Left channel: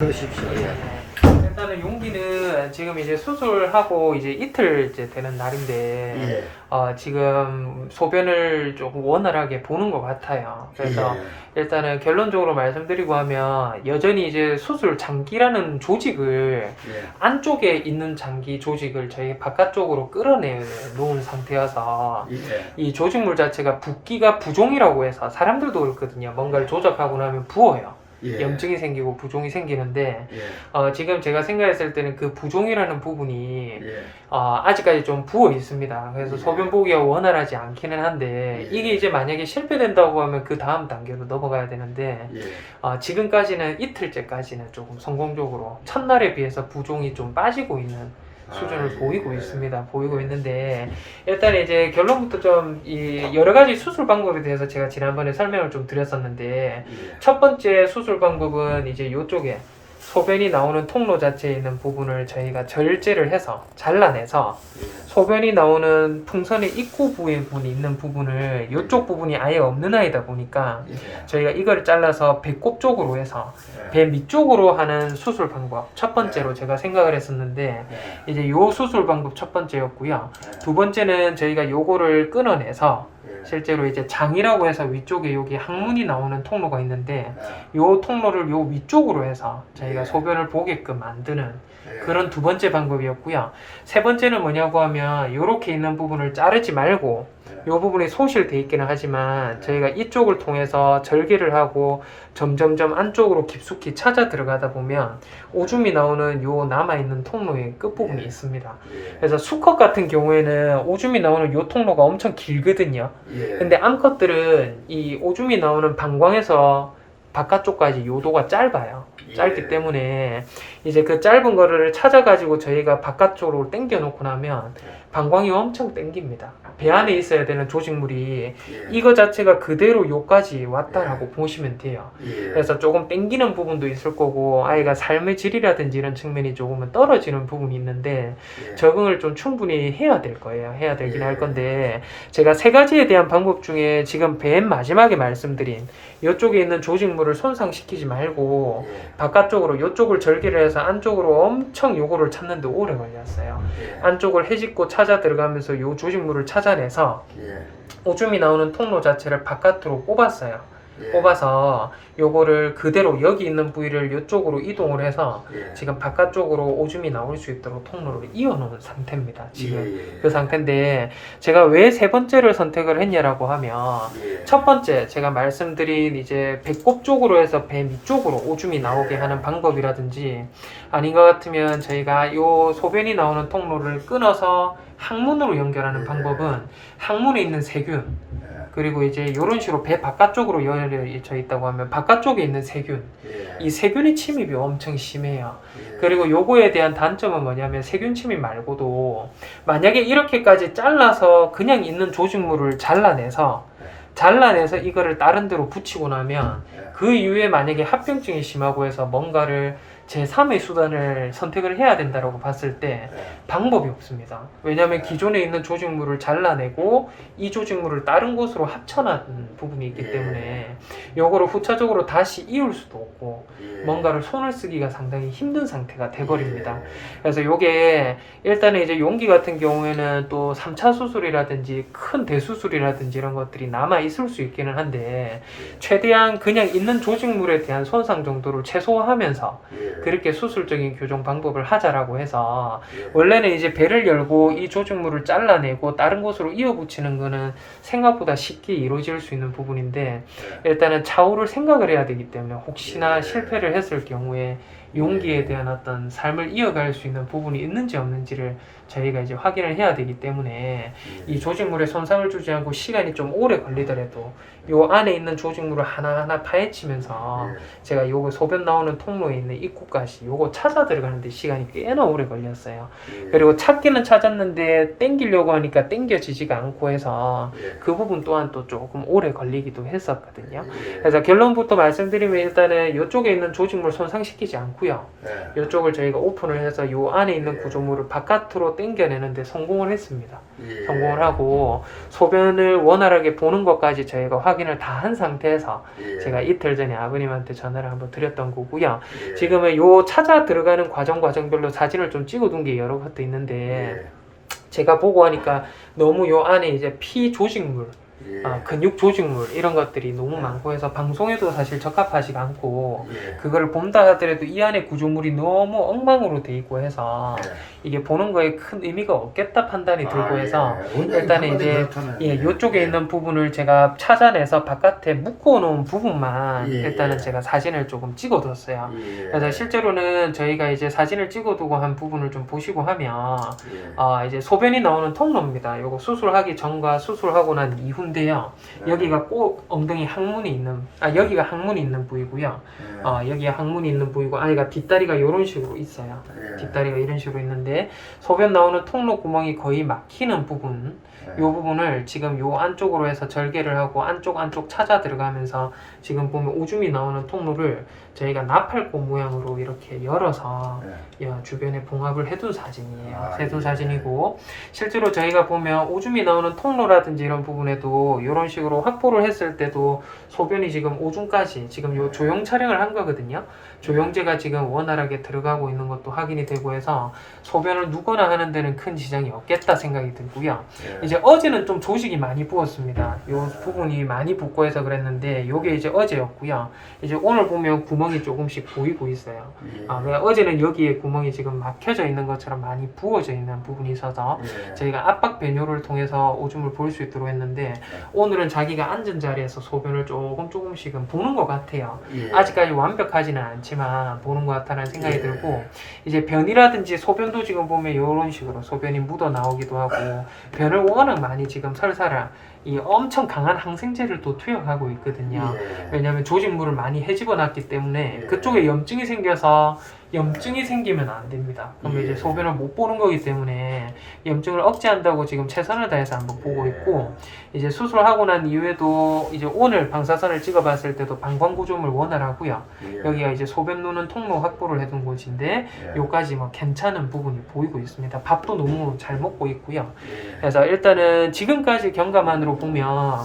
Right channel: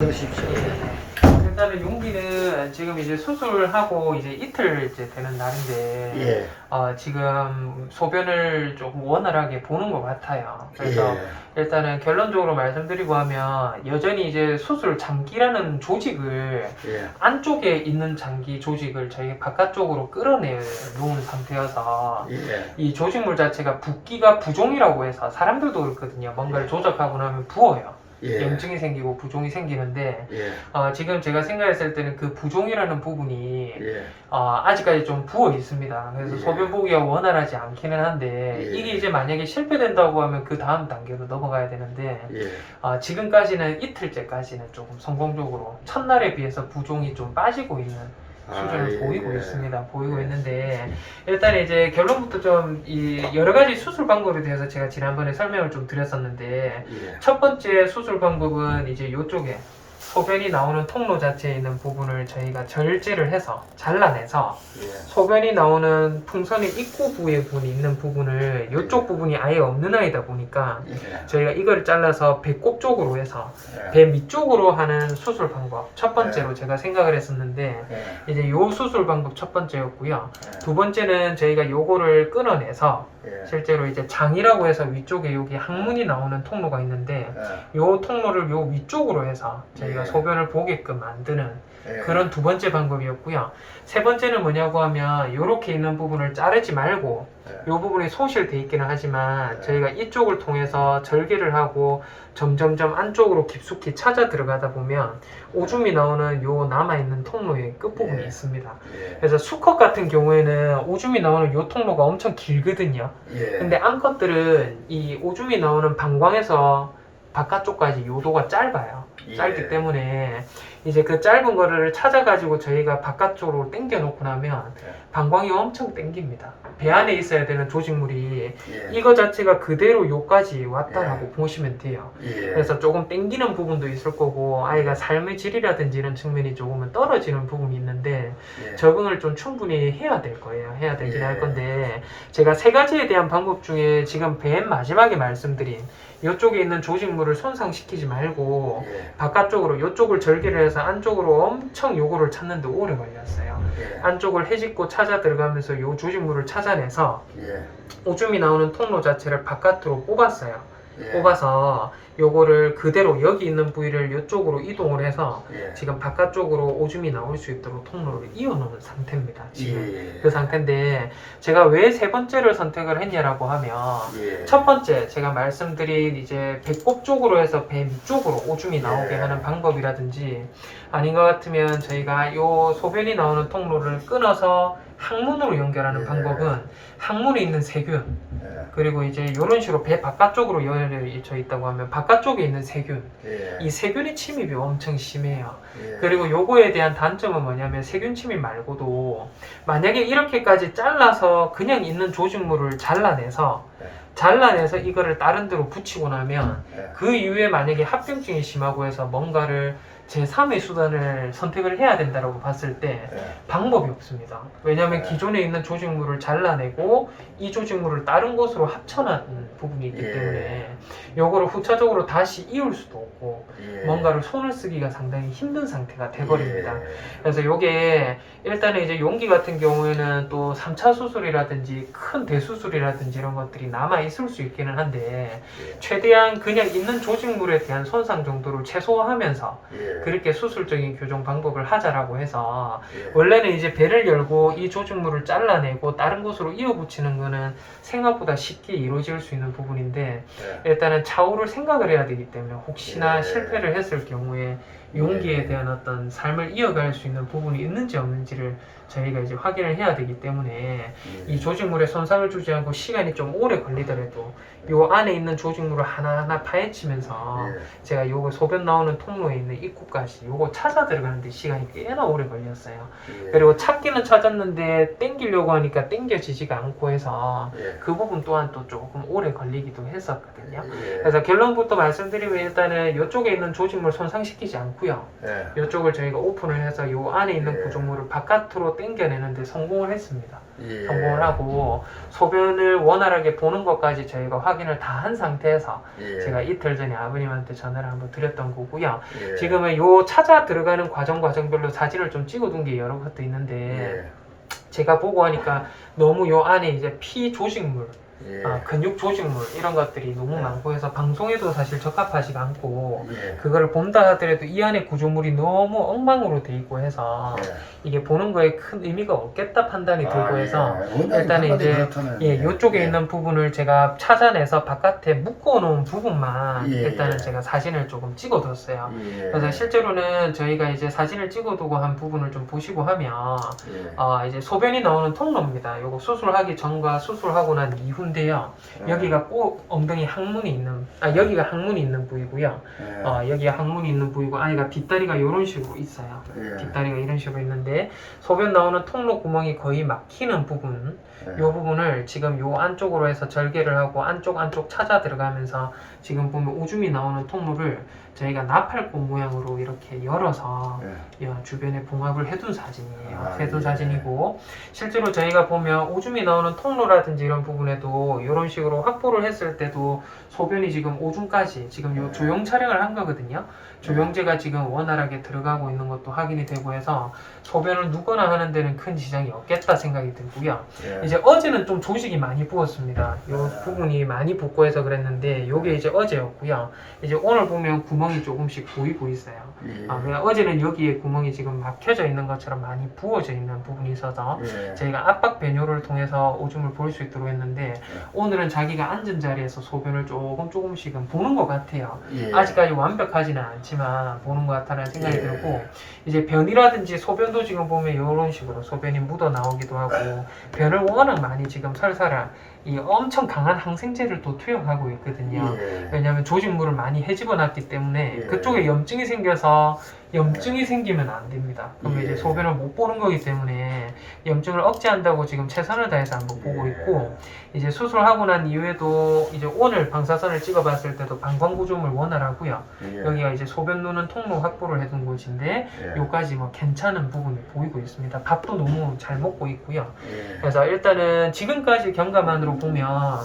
그러십시오. 예. 일단은 용기는 지금 이제 수술하고 이제 이틀 이제 되는 날인데, 예. 지금 소변을 조금 원활하게 보는 것 같아요. 그래서 예. 일단은 결론적으로 말씀드리고 하면 여전히 이제 수술 장기라는 조직을 예. 안쪽에 있는 장기 조직을 저희 바깥쪽으로 끌어내 놓은 상태여서 예. 이 조직물 자체가 붓기가 부종이라고 해서 사람들도 그렇거든요. 뭔가를 조작하고 나면 부어요. 예. 염증이 생기고 부종이 생기는데 예. 지금 제가 생각했을 때는 그 부종이라는 부분이 예. 아직까지 좀 부어 있습니다. 그래서 예. 소변 보기가 원활하지 않기는 한데 예. 이게 이제 만약에 실패된다고 하면 그 다음 단계로 넘어가야 되는데 예. 지금까지는 이틀째까지는 조금 성공적으로 첫날에 비해서 부종이 좀 빠지고 있는 수준을 예. 보이고 있습니다. 보이고 예. 있는데 일단 이제 결론부터 좀 이 여러 가지 수술 방법에 대해서 제가 지난번에 설명을 좀 드렸었는데 예. 첫 번째 수술 방법은 이제 이쪽에 소변이 나오는 통로 자체에 있는 부분을 저희가 절제를 해서 잘라내서 예. 소변이 나오는 풍선의 입구 부위에 있는 부분을 이쪽 부분이 아예 없는 아이다 보니까 예. 저희가 이걸 잘라서 배꼽 쪽으로 해서 예. 배 밑쪽으로 하는 수술 방법 첫 번째로 제가 생각을 했었는데 예. 이제 요 수술 방법 첫 번째였고요. 예. 두 번째는 저희가 요거를 끊어내서 예. 실제로 이제 장이라고 해서 위쪽에 여기 항문이 나오는 통로가 있는데 예. 요 통로를 요 위쪽으로 해서 저희가 예. 소변을 보게끔 만드는 예. 그런 두 번째 방법이었고요. 세 번째는 뭐냐고 하면 요렇게 있는 부분을 자르지 말고 예. 요 부분이 소실돼 있기는 하지만 저희가 이쪽을 통해서 절개를 하고 점점점 안쪽으로 깊숙이 찾아 들어가다 보면 오줌이 나오는 요 남아있는 통로의 끝부분이 예. 있습니다. 예. 그래서 수컷 같은 경우에는 오줌이 나오는 요 통로가 엄청 길거든요. 예. 근데 암컷들은 이 오줌이 나오는 방광에서 바깥쪽까지 요도가 짧아요. 짧기 예. 때문에 이제 그 짧은 거를 찾아가지고 저희가 바깥쪽으로 당겨 놓고 나면 예. 방광이 엄청 당깁니다. 배 안에 있어야 되는 조직물이 예. 이거 자체가 그대로 요까지 왔다라고 예. 보시면 돼요. 예. 그래서 조금 당기는 부분도 있을 거고 아이가 삶의 질이라든지 이런 측면이 조금은 떨어지는 부분이 있는데 예. 적응을 좀 충분히 해야 될 거예요. 해야 되긴 예. 할 건데 제가 세 가지에 대한 방법 중에 지금 맨 마지막에 말씀드린 이쪽에 있는 조직물을 손상시키지 말고 예. 바깥쪽으로 이쪽을 절개를 해서 안쪽으로 엄청 요거를 찾는데 오래 걸렸어요. 예. 안쪽을 헤집고 찾아 들어가면서 요 조직물을 찾아내서 예. 오줌이 나오는 통로 자체를 바깥으로 뽑았어요. 예. 뽑아서 요거를 그대로 여기 있는 부위를 이쪽으로 이동을 해서 예. 지금 바깥쪽으로 오줌이 나올 수 있도록 통로를 이어놓은 상태입니다. 지금 예. 그 상태인데 제가 왜 세 번째를 선택을 했냐라고 하면 예. 첫 번째 제가 말씀드린 이제 배꼽 쪽으로 해서 배 밑쪽으로 오줌이 나오게 예. 하는 방법이라든지 아닌 것 같으면 저희가 요 소변이 나오는 통로를 끊어서 항문으로 연결하는 예. 방법은 항문에 있는 세균 예. 그리고 이제 이런 식으로 배 바깥쪽으로 열려져 있다고 하면 바깥쪽에 있는 세균 예. 이 세균의 침입이 엄청 심해요. 예. 그리고 요거에 대한 단점은 뭐냐면 세균 침입 말고도 만약에 이렇게까지 잘라서 그냥 있는 조직물을 잘라내서 이거를 다른 데로 붙이고 나면 예. 그 이후에 만약에 합병증이 심하고 해서 뭔가를 제3의 수단을 선택을 해야 된다고 봤을 때 예. 방법이 없습니다. 왜냐하면 네. 기존에 있는 조직물을 잘라내고 이 조직물을 다른 곳으로 합쳐놓은 부분이 있기 예. 때문에 요거를 후차적으로 다시 이을 수도 없고 예. 뭔가를 손을 쓰기가 상당히 힘든 상태가 돼버립니다. 예. 그래서 요게 일단은 이제 용기 같은 경우에는 또 3차 수술이라든지 큰 대수술이라든지 이런 것들이 남아 있을 수 있기는 한데 예. 최대한 그냥 있는 조직물에 대한 손상 정도를 최소화하면서 예. 그렇게 수술적인 교정 방법을 하자라고 해서 예. 원래는 이제 배를 열고 이 조직물을 잘라내고 다른 곳으로 이어붙이는 거는 생각보다 쉽게 이루어질 수 있는 부분인데 예. 일단은 차후를 생각을 해야 되기 때문에 혹시나 예. 실패를 했을 경우에 용기에 대한 어떤 삶을 이어갈 수 있는 부분이 있는지 없는지를 저희가 이제 확인을 해야 되기 때문에 이 조직물에 손상을 주지 않고 시간이 좀 오래 걸리더라도 요 안에 있는 조직물을 하나하나 파헤치면서 예. 제가 요거 소변 나오는 통로에 있는 입구까지 요거 찾아 들어가는데 시간이 꽤나 오래 걸렸어요. 예. 그리고 찾기는 찾았는데 땡기려고 하니까 땡겨지지가 않고 해서 예. 그 부분 또한 또 조금 오래 걸리기도 했었거든요. 예. 그래서 결론부터 말씀드리면 일단은 이쪽에 있는 조직물 손상시키지 않고요. 예. 이쪽을 저희가 오픈을 해서 요 안에 있는 예. 구조물을 바깥으로 당겨내는데 성공을 했습니다. 예. 성공을 하고 소변을 원활하게 보는 것까지 저희가 확인을 다 한 상태에서 예. 제가 이틀 전에 아버님한테 전화를 한번 드렸던 거고요. 예. 지금은 요 찾아 들어가는 과정별로 사진을 좀 찍어둔 게 여러 것도 있는데 예. 제가 보고 하니까 너무 요 안에 이제 피 조직물, 예. 근육 조직물 이런 것들이 너무 예. 많고 해서 방송에도 사실 적합하지가 않고 예. 그걸 본다 하더라도 이 안에 구조물이 너무 엉망으로 돼 있고 해서 예. 이게 보는 거에 큰 의미가 없겠다 판단이 들고 아, 해서 예. 일단은 이제 그렇다면, 요쪽에 예. 있는 부분을 제가 찾아내서 바깥에 묶어놓은 부분만 예. 일단은 제가 사진을 조금 찍어뒀어요. 예. 그래서 실제로는 저희가 이제 사진을 찍어두고 한 부분을 좀 보시고 하면 예. 이제 소변이 나오는 통로입니다. 요거 수술하기 전과 수술하고 난 이후인데요. 예. 여기가 꼭 엉덩이 항문이 있는 여기가 항문이 있는 부위고요. 예. 여기가 항문이 있는 부위고 아이가 뒷다리가 이런 식으로 있어요. 예. 뒷다리가 이런 식으로 있는데 소변 나오는 통로 구멍이 거의 막히는 부분 이 부분을 지금 요 안쪽으로 해서 절개를 하고 안쪽 찾아 들어가면서 지금 보면 오줌이 나오는 통로를 저희가 나팔꽃 모양으로 이렇게 열어서 주변에 봉합을 해둔 사진이에요. 해둔 사진이고 실제로 저희가 보면 오줌이 나오는 통로라든지 이런 부분에도 이런 식으로 확보를 했을 때도 소변이 지금 오줌까지 지금 요 조영 촬영을 한 거거든요. 조영제가 지금 원활하게 들어가고 있는 것도 확인이 되고 해서 소변을 누거나 하는 데는 큰 지장이 없겠다 생각이 들고요. 이제 어제는 좀 조직이 많이 부었습니다. 요 부분이 많이 붓고 해서 그랬는데 요게 이제 어제였고요. 이제 오늘 보면 구멍이 조금씩 보이고 있어요. 그러니까 어제는 여기에 구멍이 지금 막혀져 있는 것처럼 많이 부어져 있는 부분이 있어서 저희가 압박 배뇨를 통해서 오줌을 볼 수 있도록 했는데 오늘은 자기가 앉은 자리에서 소변을 조금씩은 보는 것 같아요. 아직까지 완벽하지는 않지만 보는 것 같다는 생각이 들고 이제 변이라든지 소변도 지금 보면 이런 식으로 소변이 묻어 나오기도 하고 변을 워낙 많이 지금 설사를 이 엄청 강한 항생제를 또 투여하고 있거든요. 왜냐하면 조직물을 많이 헤집어 놨기 때문에 그쪽에 염증이 생겨서 염증이 생기면 안 됩니다. 그럼 이제 소변을 못 보는 거기 때문에 염증을 억제한다고 지금 최선을 다해서 한번 보고 있고 이제 수술하고 난 이후에도 이제 오늘 방사선을 찍어봤을 때도 방광구조물 원활하고요. 여기가 이제 소변 누는 통로 확보를 해둔 곳인데 요까지 뭐 괜찮은 부분이 보이고 있습니다. 밥도 너무 잘 먹고 있고요. 그래서 일단은 지금까지 경과만으로 보면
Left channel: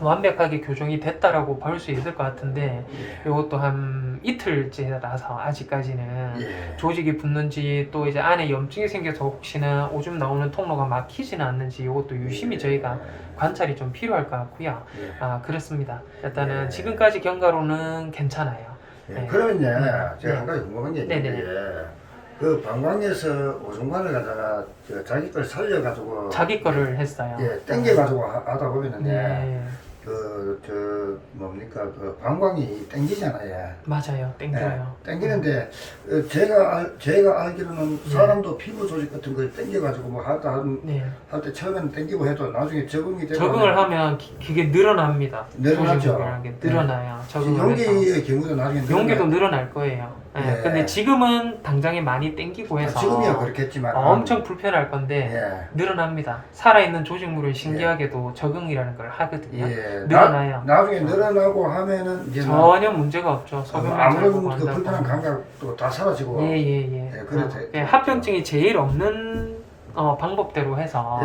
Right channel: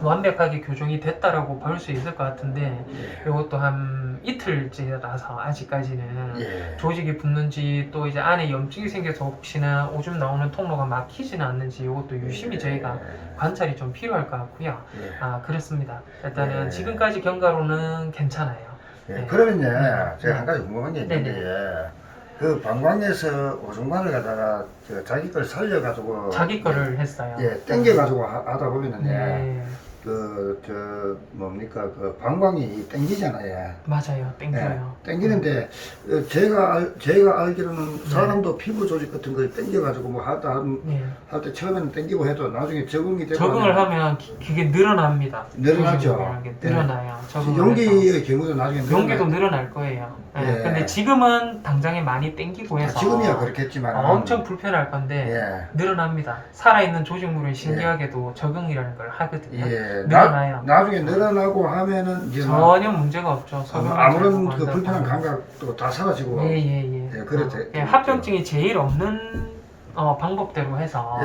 완벽하게 교정이 됐다라고 볼 수 있을 것 같은데 이것도 한 이틀째라서 아직까지는 조직이 붙는지 또 이제 안에 염증이 생겨서 혹시나 오줌 나오는 통로가 막히지는 않는지 이것도 유심히 저희가 관찰이 좀 필요할 것 같고요. 그렇습니다. 일단은 지금까지 경과로는 괜찮아요. 그러면 이제 제가 한 가지 궁금한 게 있는데 그 방광에서 오줌관을 갖다가 자기 걸 살려가지고 자기 거를 했어요. 땡겨가지고 하다 보면은 뭡니까 그 방광이 땡기잖아요. 맞아요, 땡겨요. 땡기는데 제가 알기로는 사람도 피부 조직 같은 걸 땡겨가지고 뭐 할 때 처음에는 땡기고 해도 나중에 적응이 되고 적응을 하면 그게 늘어납니다. 늘어나죠. 늘어나요. 용기의 경우도 나중에 용기도 늘어날 거예요. 근데 지금은 당장에 많이 땡기고 해서 지금이야 그렇겠지만 엄청 불편할 건데 늘어납니다. 살아있는 조직물은 신기하게도 적응이라는 걸 하거든요. 늘어나요. 나중에 늘어나고 하면은 이제 전혀 문제가 없죠. 아무런 그 불편한 감각도 다 사라지고 그렇죠. 합병증이 제일 없는 방법대로 해서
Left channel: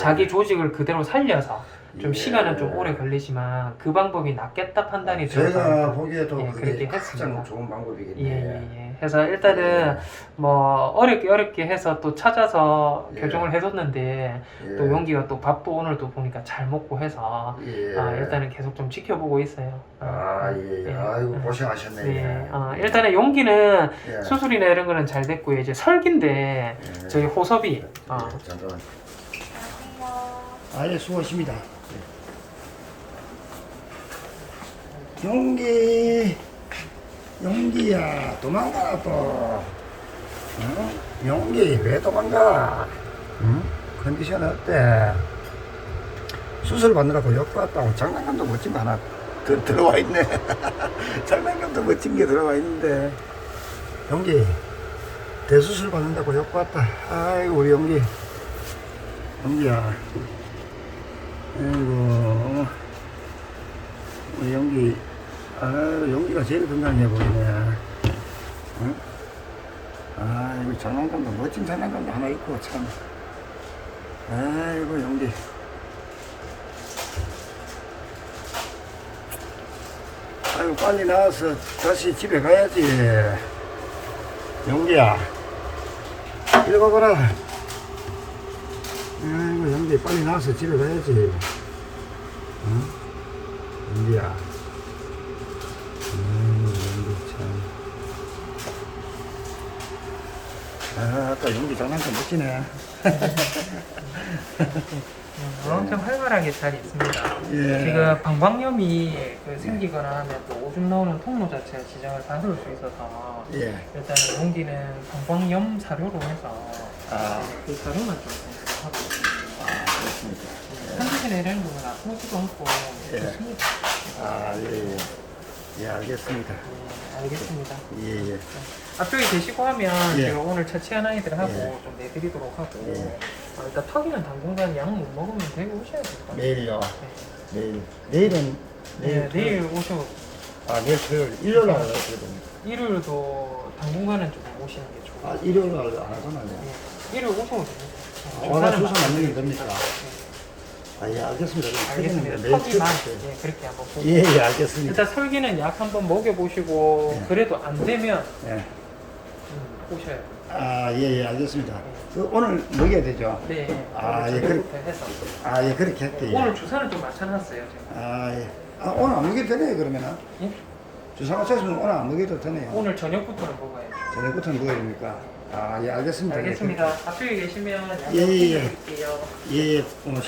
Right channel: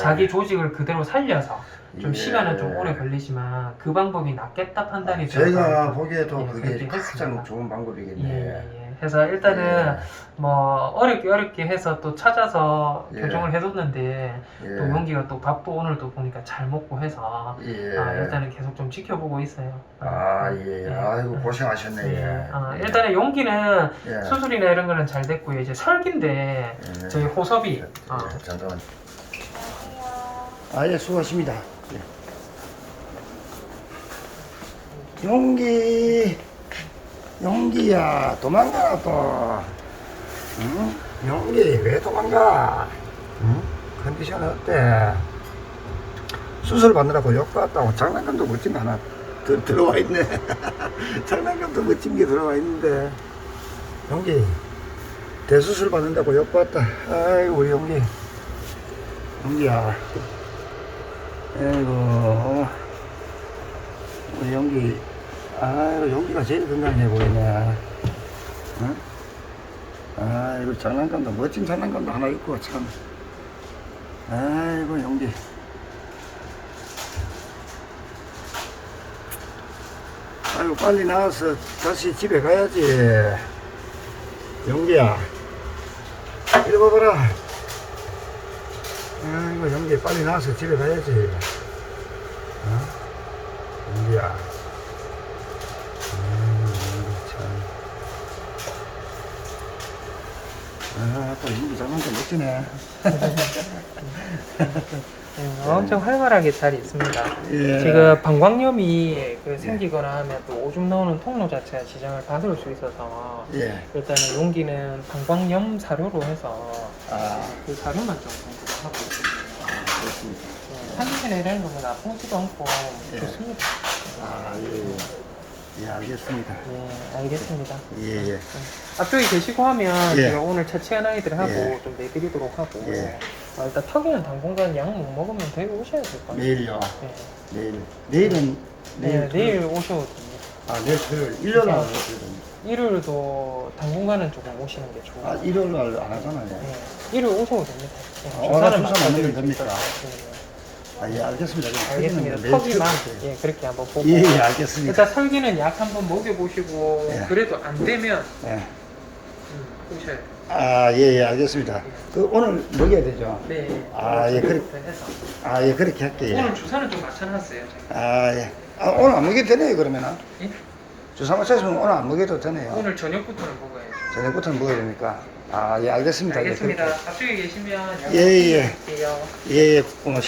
자기 조직을 그대로 살려서 좀 시간은 좀 오래 걸리지만 그 방법이 낫겠다 판단이 제가 보기에도 그게 가장 좋은 방법이겠네요. 그래서 일단은 뭐 어렵게 해서 또 찾아서 교정을 해뒀는데 또 용기가 또 밥도 오늘도 보니까 잘 먹고 해서 일단은 계속 좀 지켜보고 있어요. 아이고 고생하셨네. 일단은 용기는 수술이나 이런 거는 잘 됐고요. 이제 설기인데 저희 호섭이 잠깐만. 수고하십니다. 용기야 도망가 또. 응? 용기 왜 도망가? 응? 컨디션 어때? 수술 받느라고 욕 받았다고 장난감도 멋진 거 하나 들어와 있네. 장난감도 멋진 게 들어와 있는데 용기 대수술 받는다고 욕 받았다. 아이고 우리 용기야. 아이고 우리 용기. 용기가 제일 건강해 보이네. 응? 아이고 장난감도 멋진 장난감도 하나 있고 참. 아이고, 용기. 아이고, 빨리 나와서 다시 집에 가야지. 용기야. 이리 와봐라. 아이고, 용기, 빨리 나와서 집에 가야지. 응? 용기야. 용기 참. 아따, 용기 장난감 멋지네. 엄청 활발하게 잘 있습니다. 예. 지금 방광염이 생기거나 하면 또 오줌 나오는 통로 자체가 지장을 받을 수 있어서 예. 일단은 용기는 방광염 사료로 해서 아, 그 사료만 좀 공부를 하고 있습니다. 그렇습니다. 한두시나 이런 거는 아프지도 않고 예. 좋습니다. 아, 예, 예. 예, 알겠습니다. 네, 알겠습니다. 예, 예. 앞쪽에 계시고 하면 예. 제가 오늘 처치한 아이들하고 예. 좀 내드리도록 하고 예. 일단 턱에는 당분간 약 못 먹으면 데리고 오셔야 될 것 같아요. 내일요. 네. 내일. 내일은, 네, 토요일. 내일 오시면 됩니다. 아, 내일 토요일. 일요일 날 하거든요. 일요일도 당분간은 조금 오시는 게 좋아요. 아, 일요일 날 안 하잖아요. 네. 일요일 오시면 됩니다. 아, 오늘 주사 맞는 건 됩니까? 네. 아, 예, 알겠습니다. 그럼 알겠습니다. 터지는데 매일 턱이만 필요해요. 예, 그렇게 한번 보고 예, 예, 알겠습니다. 일단 설기는 약 한번 먹여보시고 예. 그래도 안 되면 예. 오셔야 돼요. 아, 예, 예, 알겠습니다. 그 오늘 먹여야 되죠? 네. 아, 예, 그래. 해서. 아, 예, 그렇게 할게요. 오늘 주사는 좀 맞춰놨어요. 제가. 아, 예. 아, 오늘 안 먹여도 되네요, 그러면은. 예? 주사 맞췄으면 오늘 안 먹여도 되네요. 오늘 저녁부터는 먹어야죠. 저녁부터는 먹어야 됩니까? 아, 예, 알겠습니다. 알겠습니다. 예, 그렇게. 앞쪽에 계시면 예, 예. 드릴게요. 예, 예, 고맙습니다.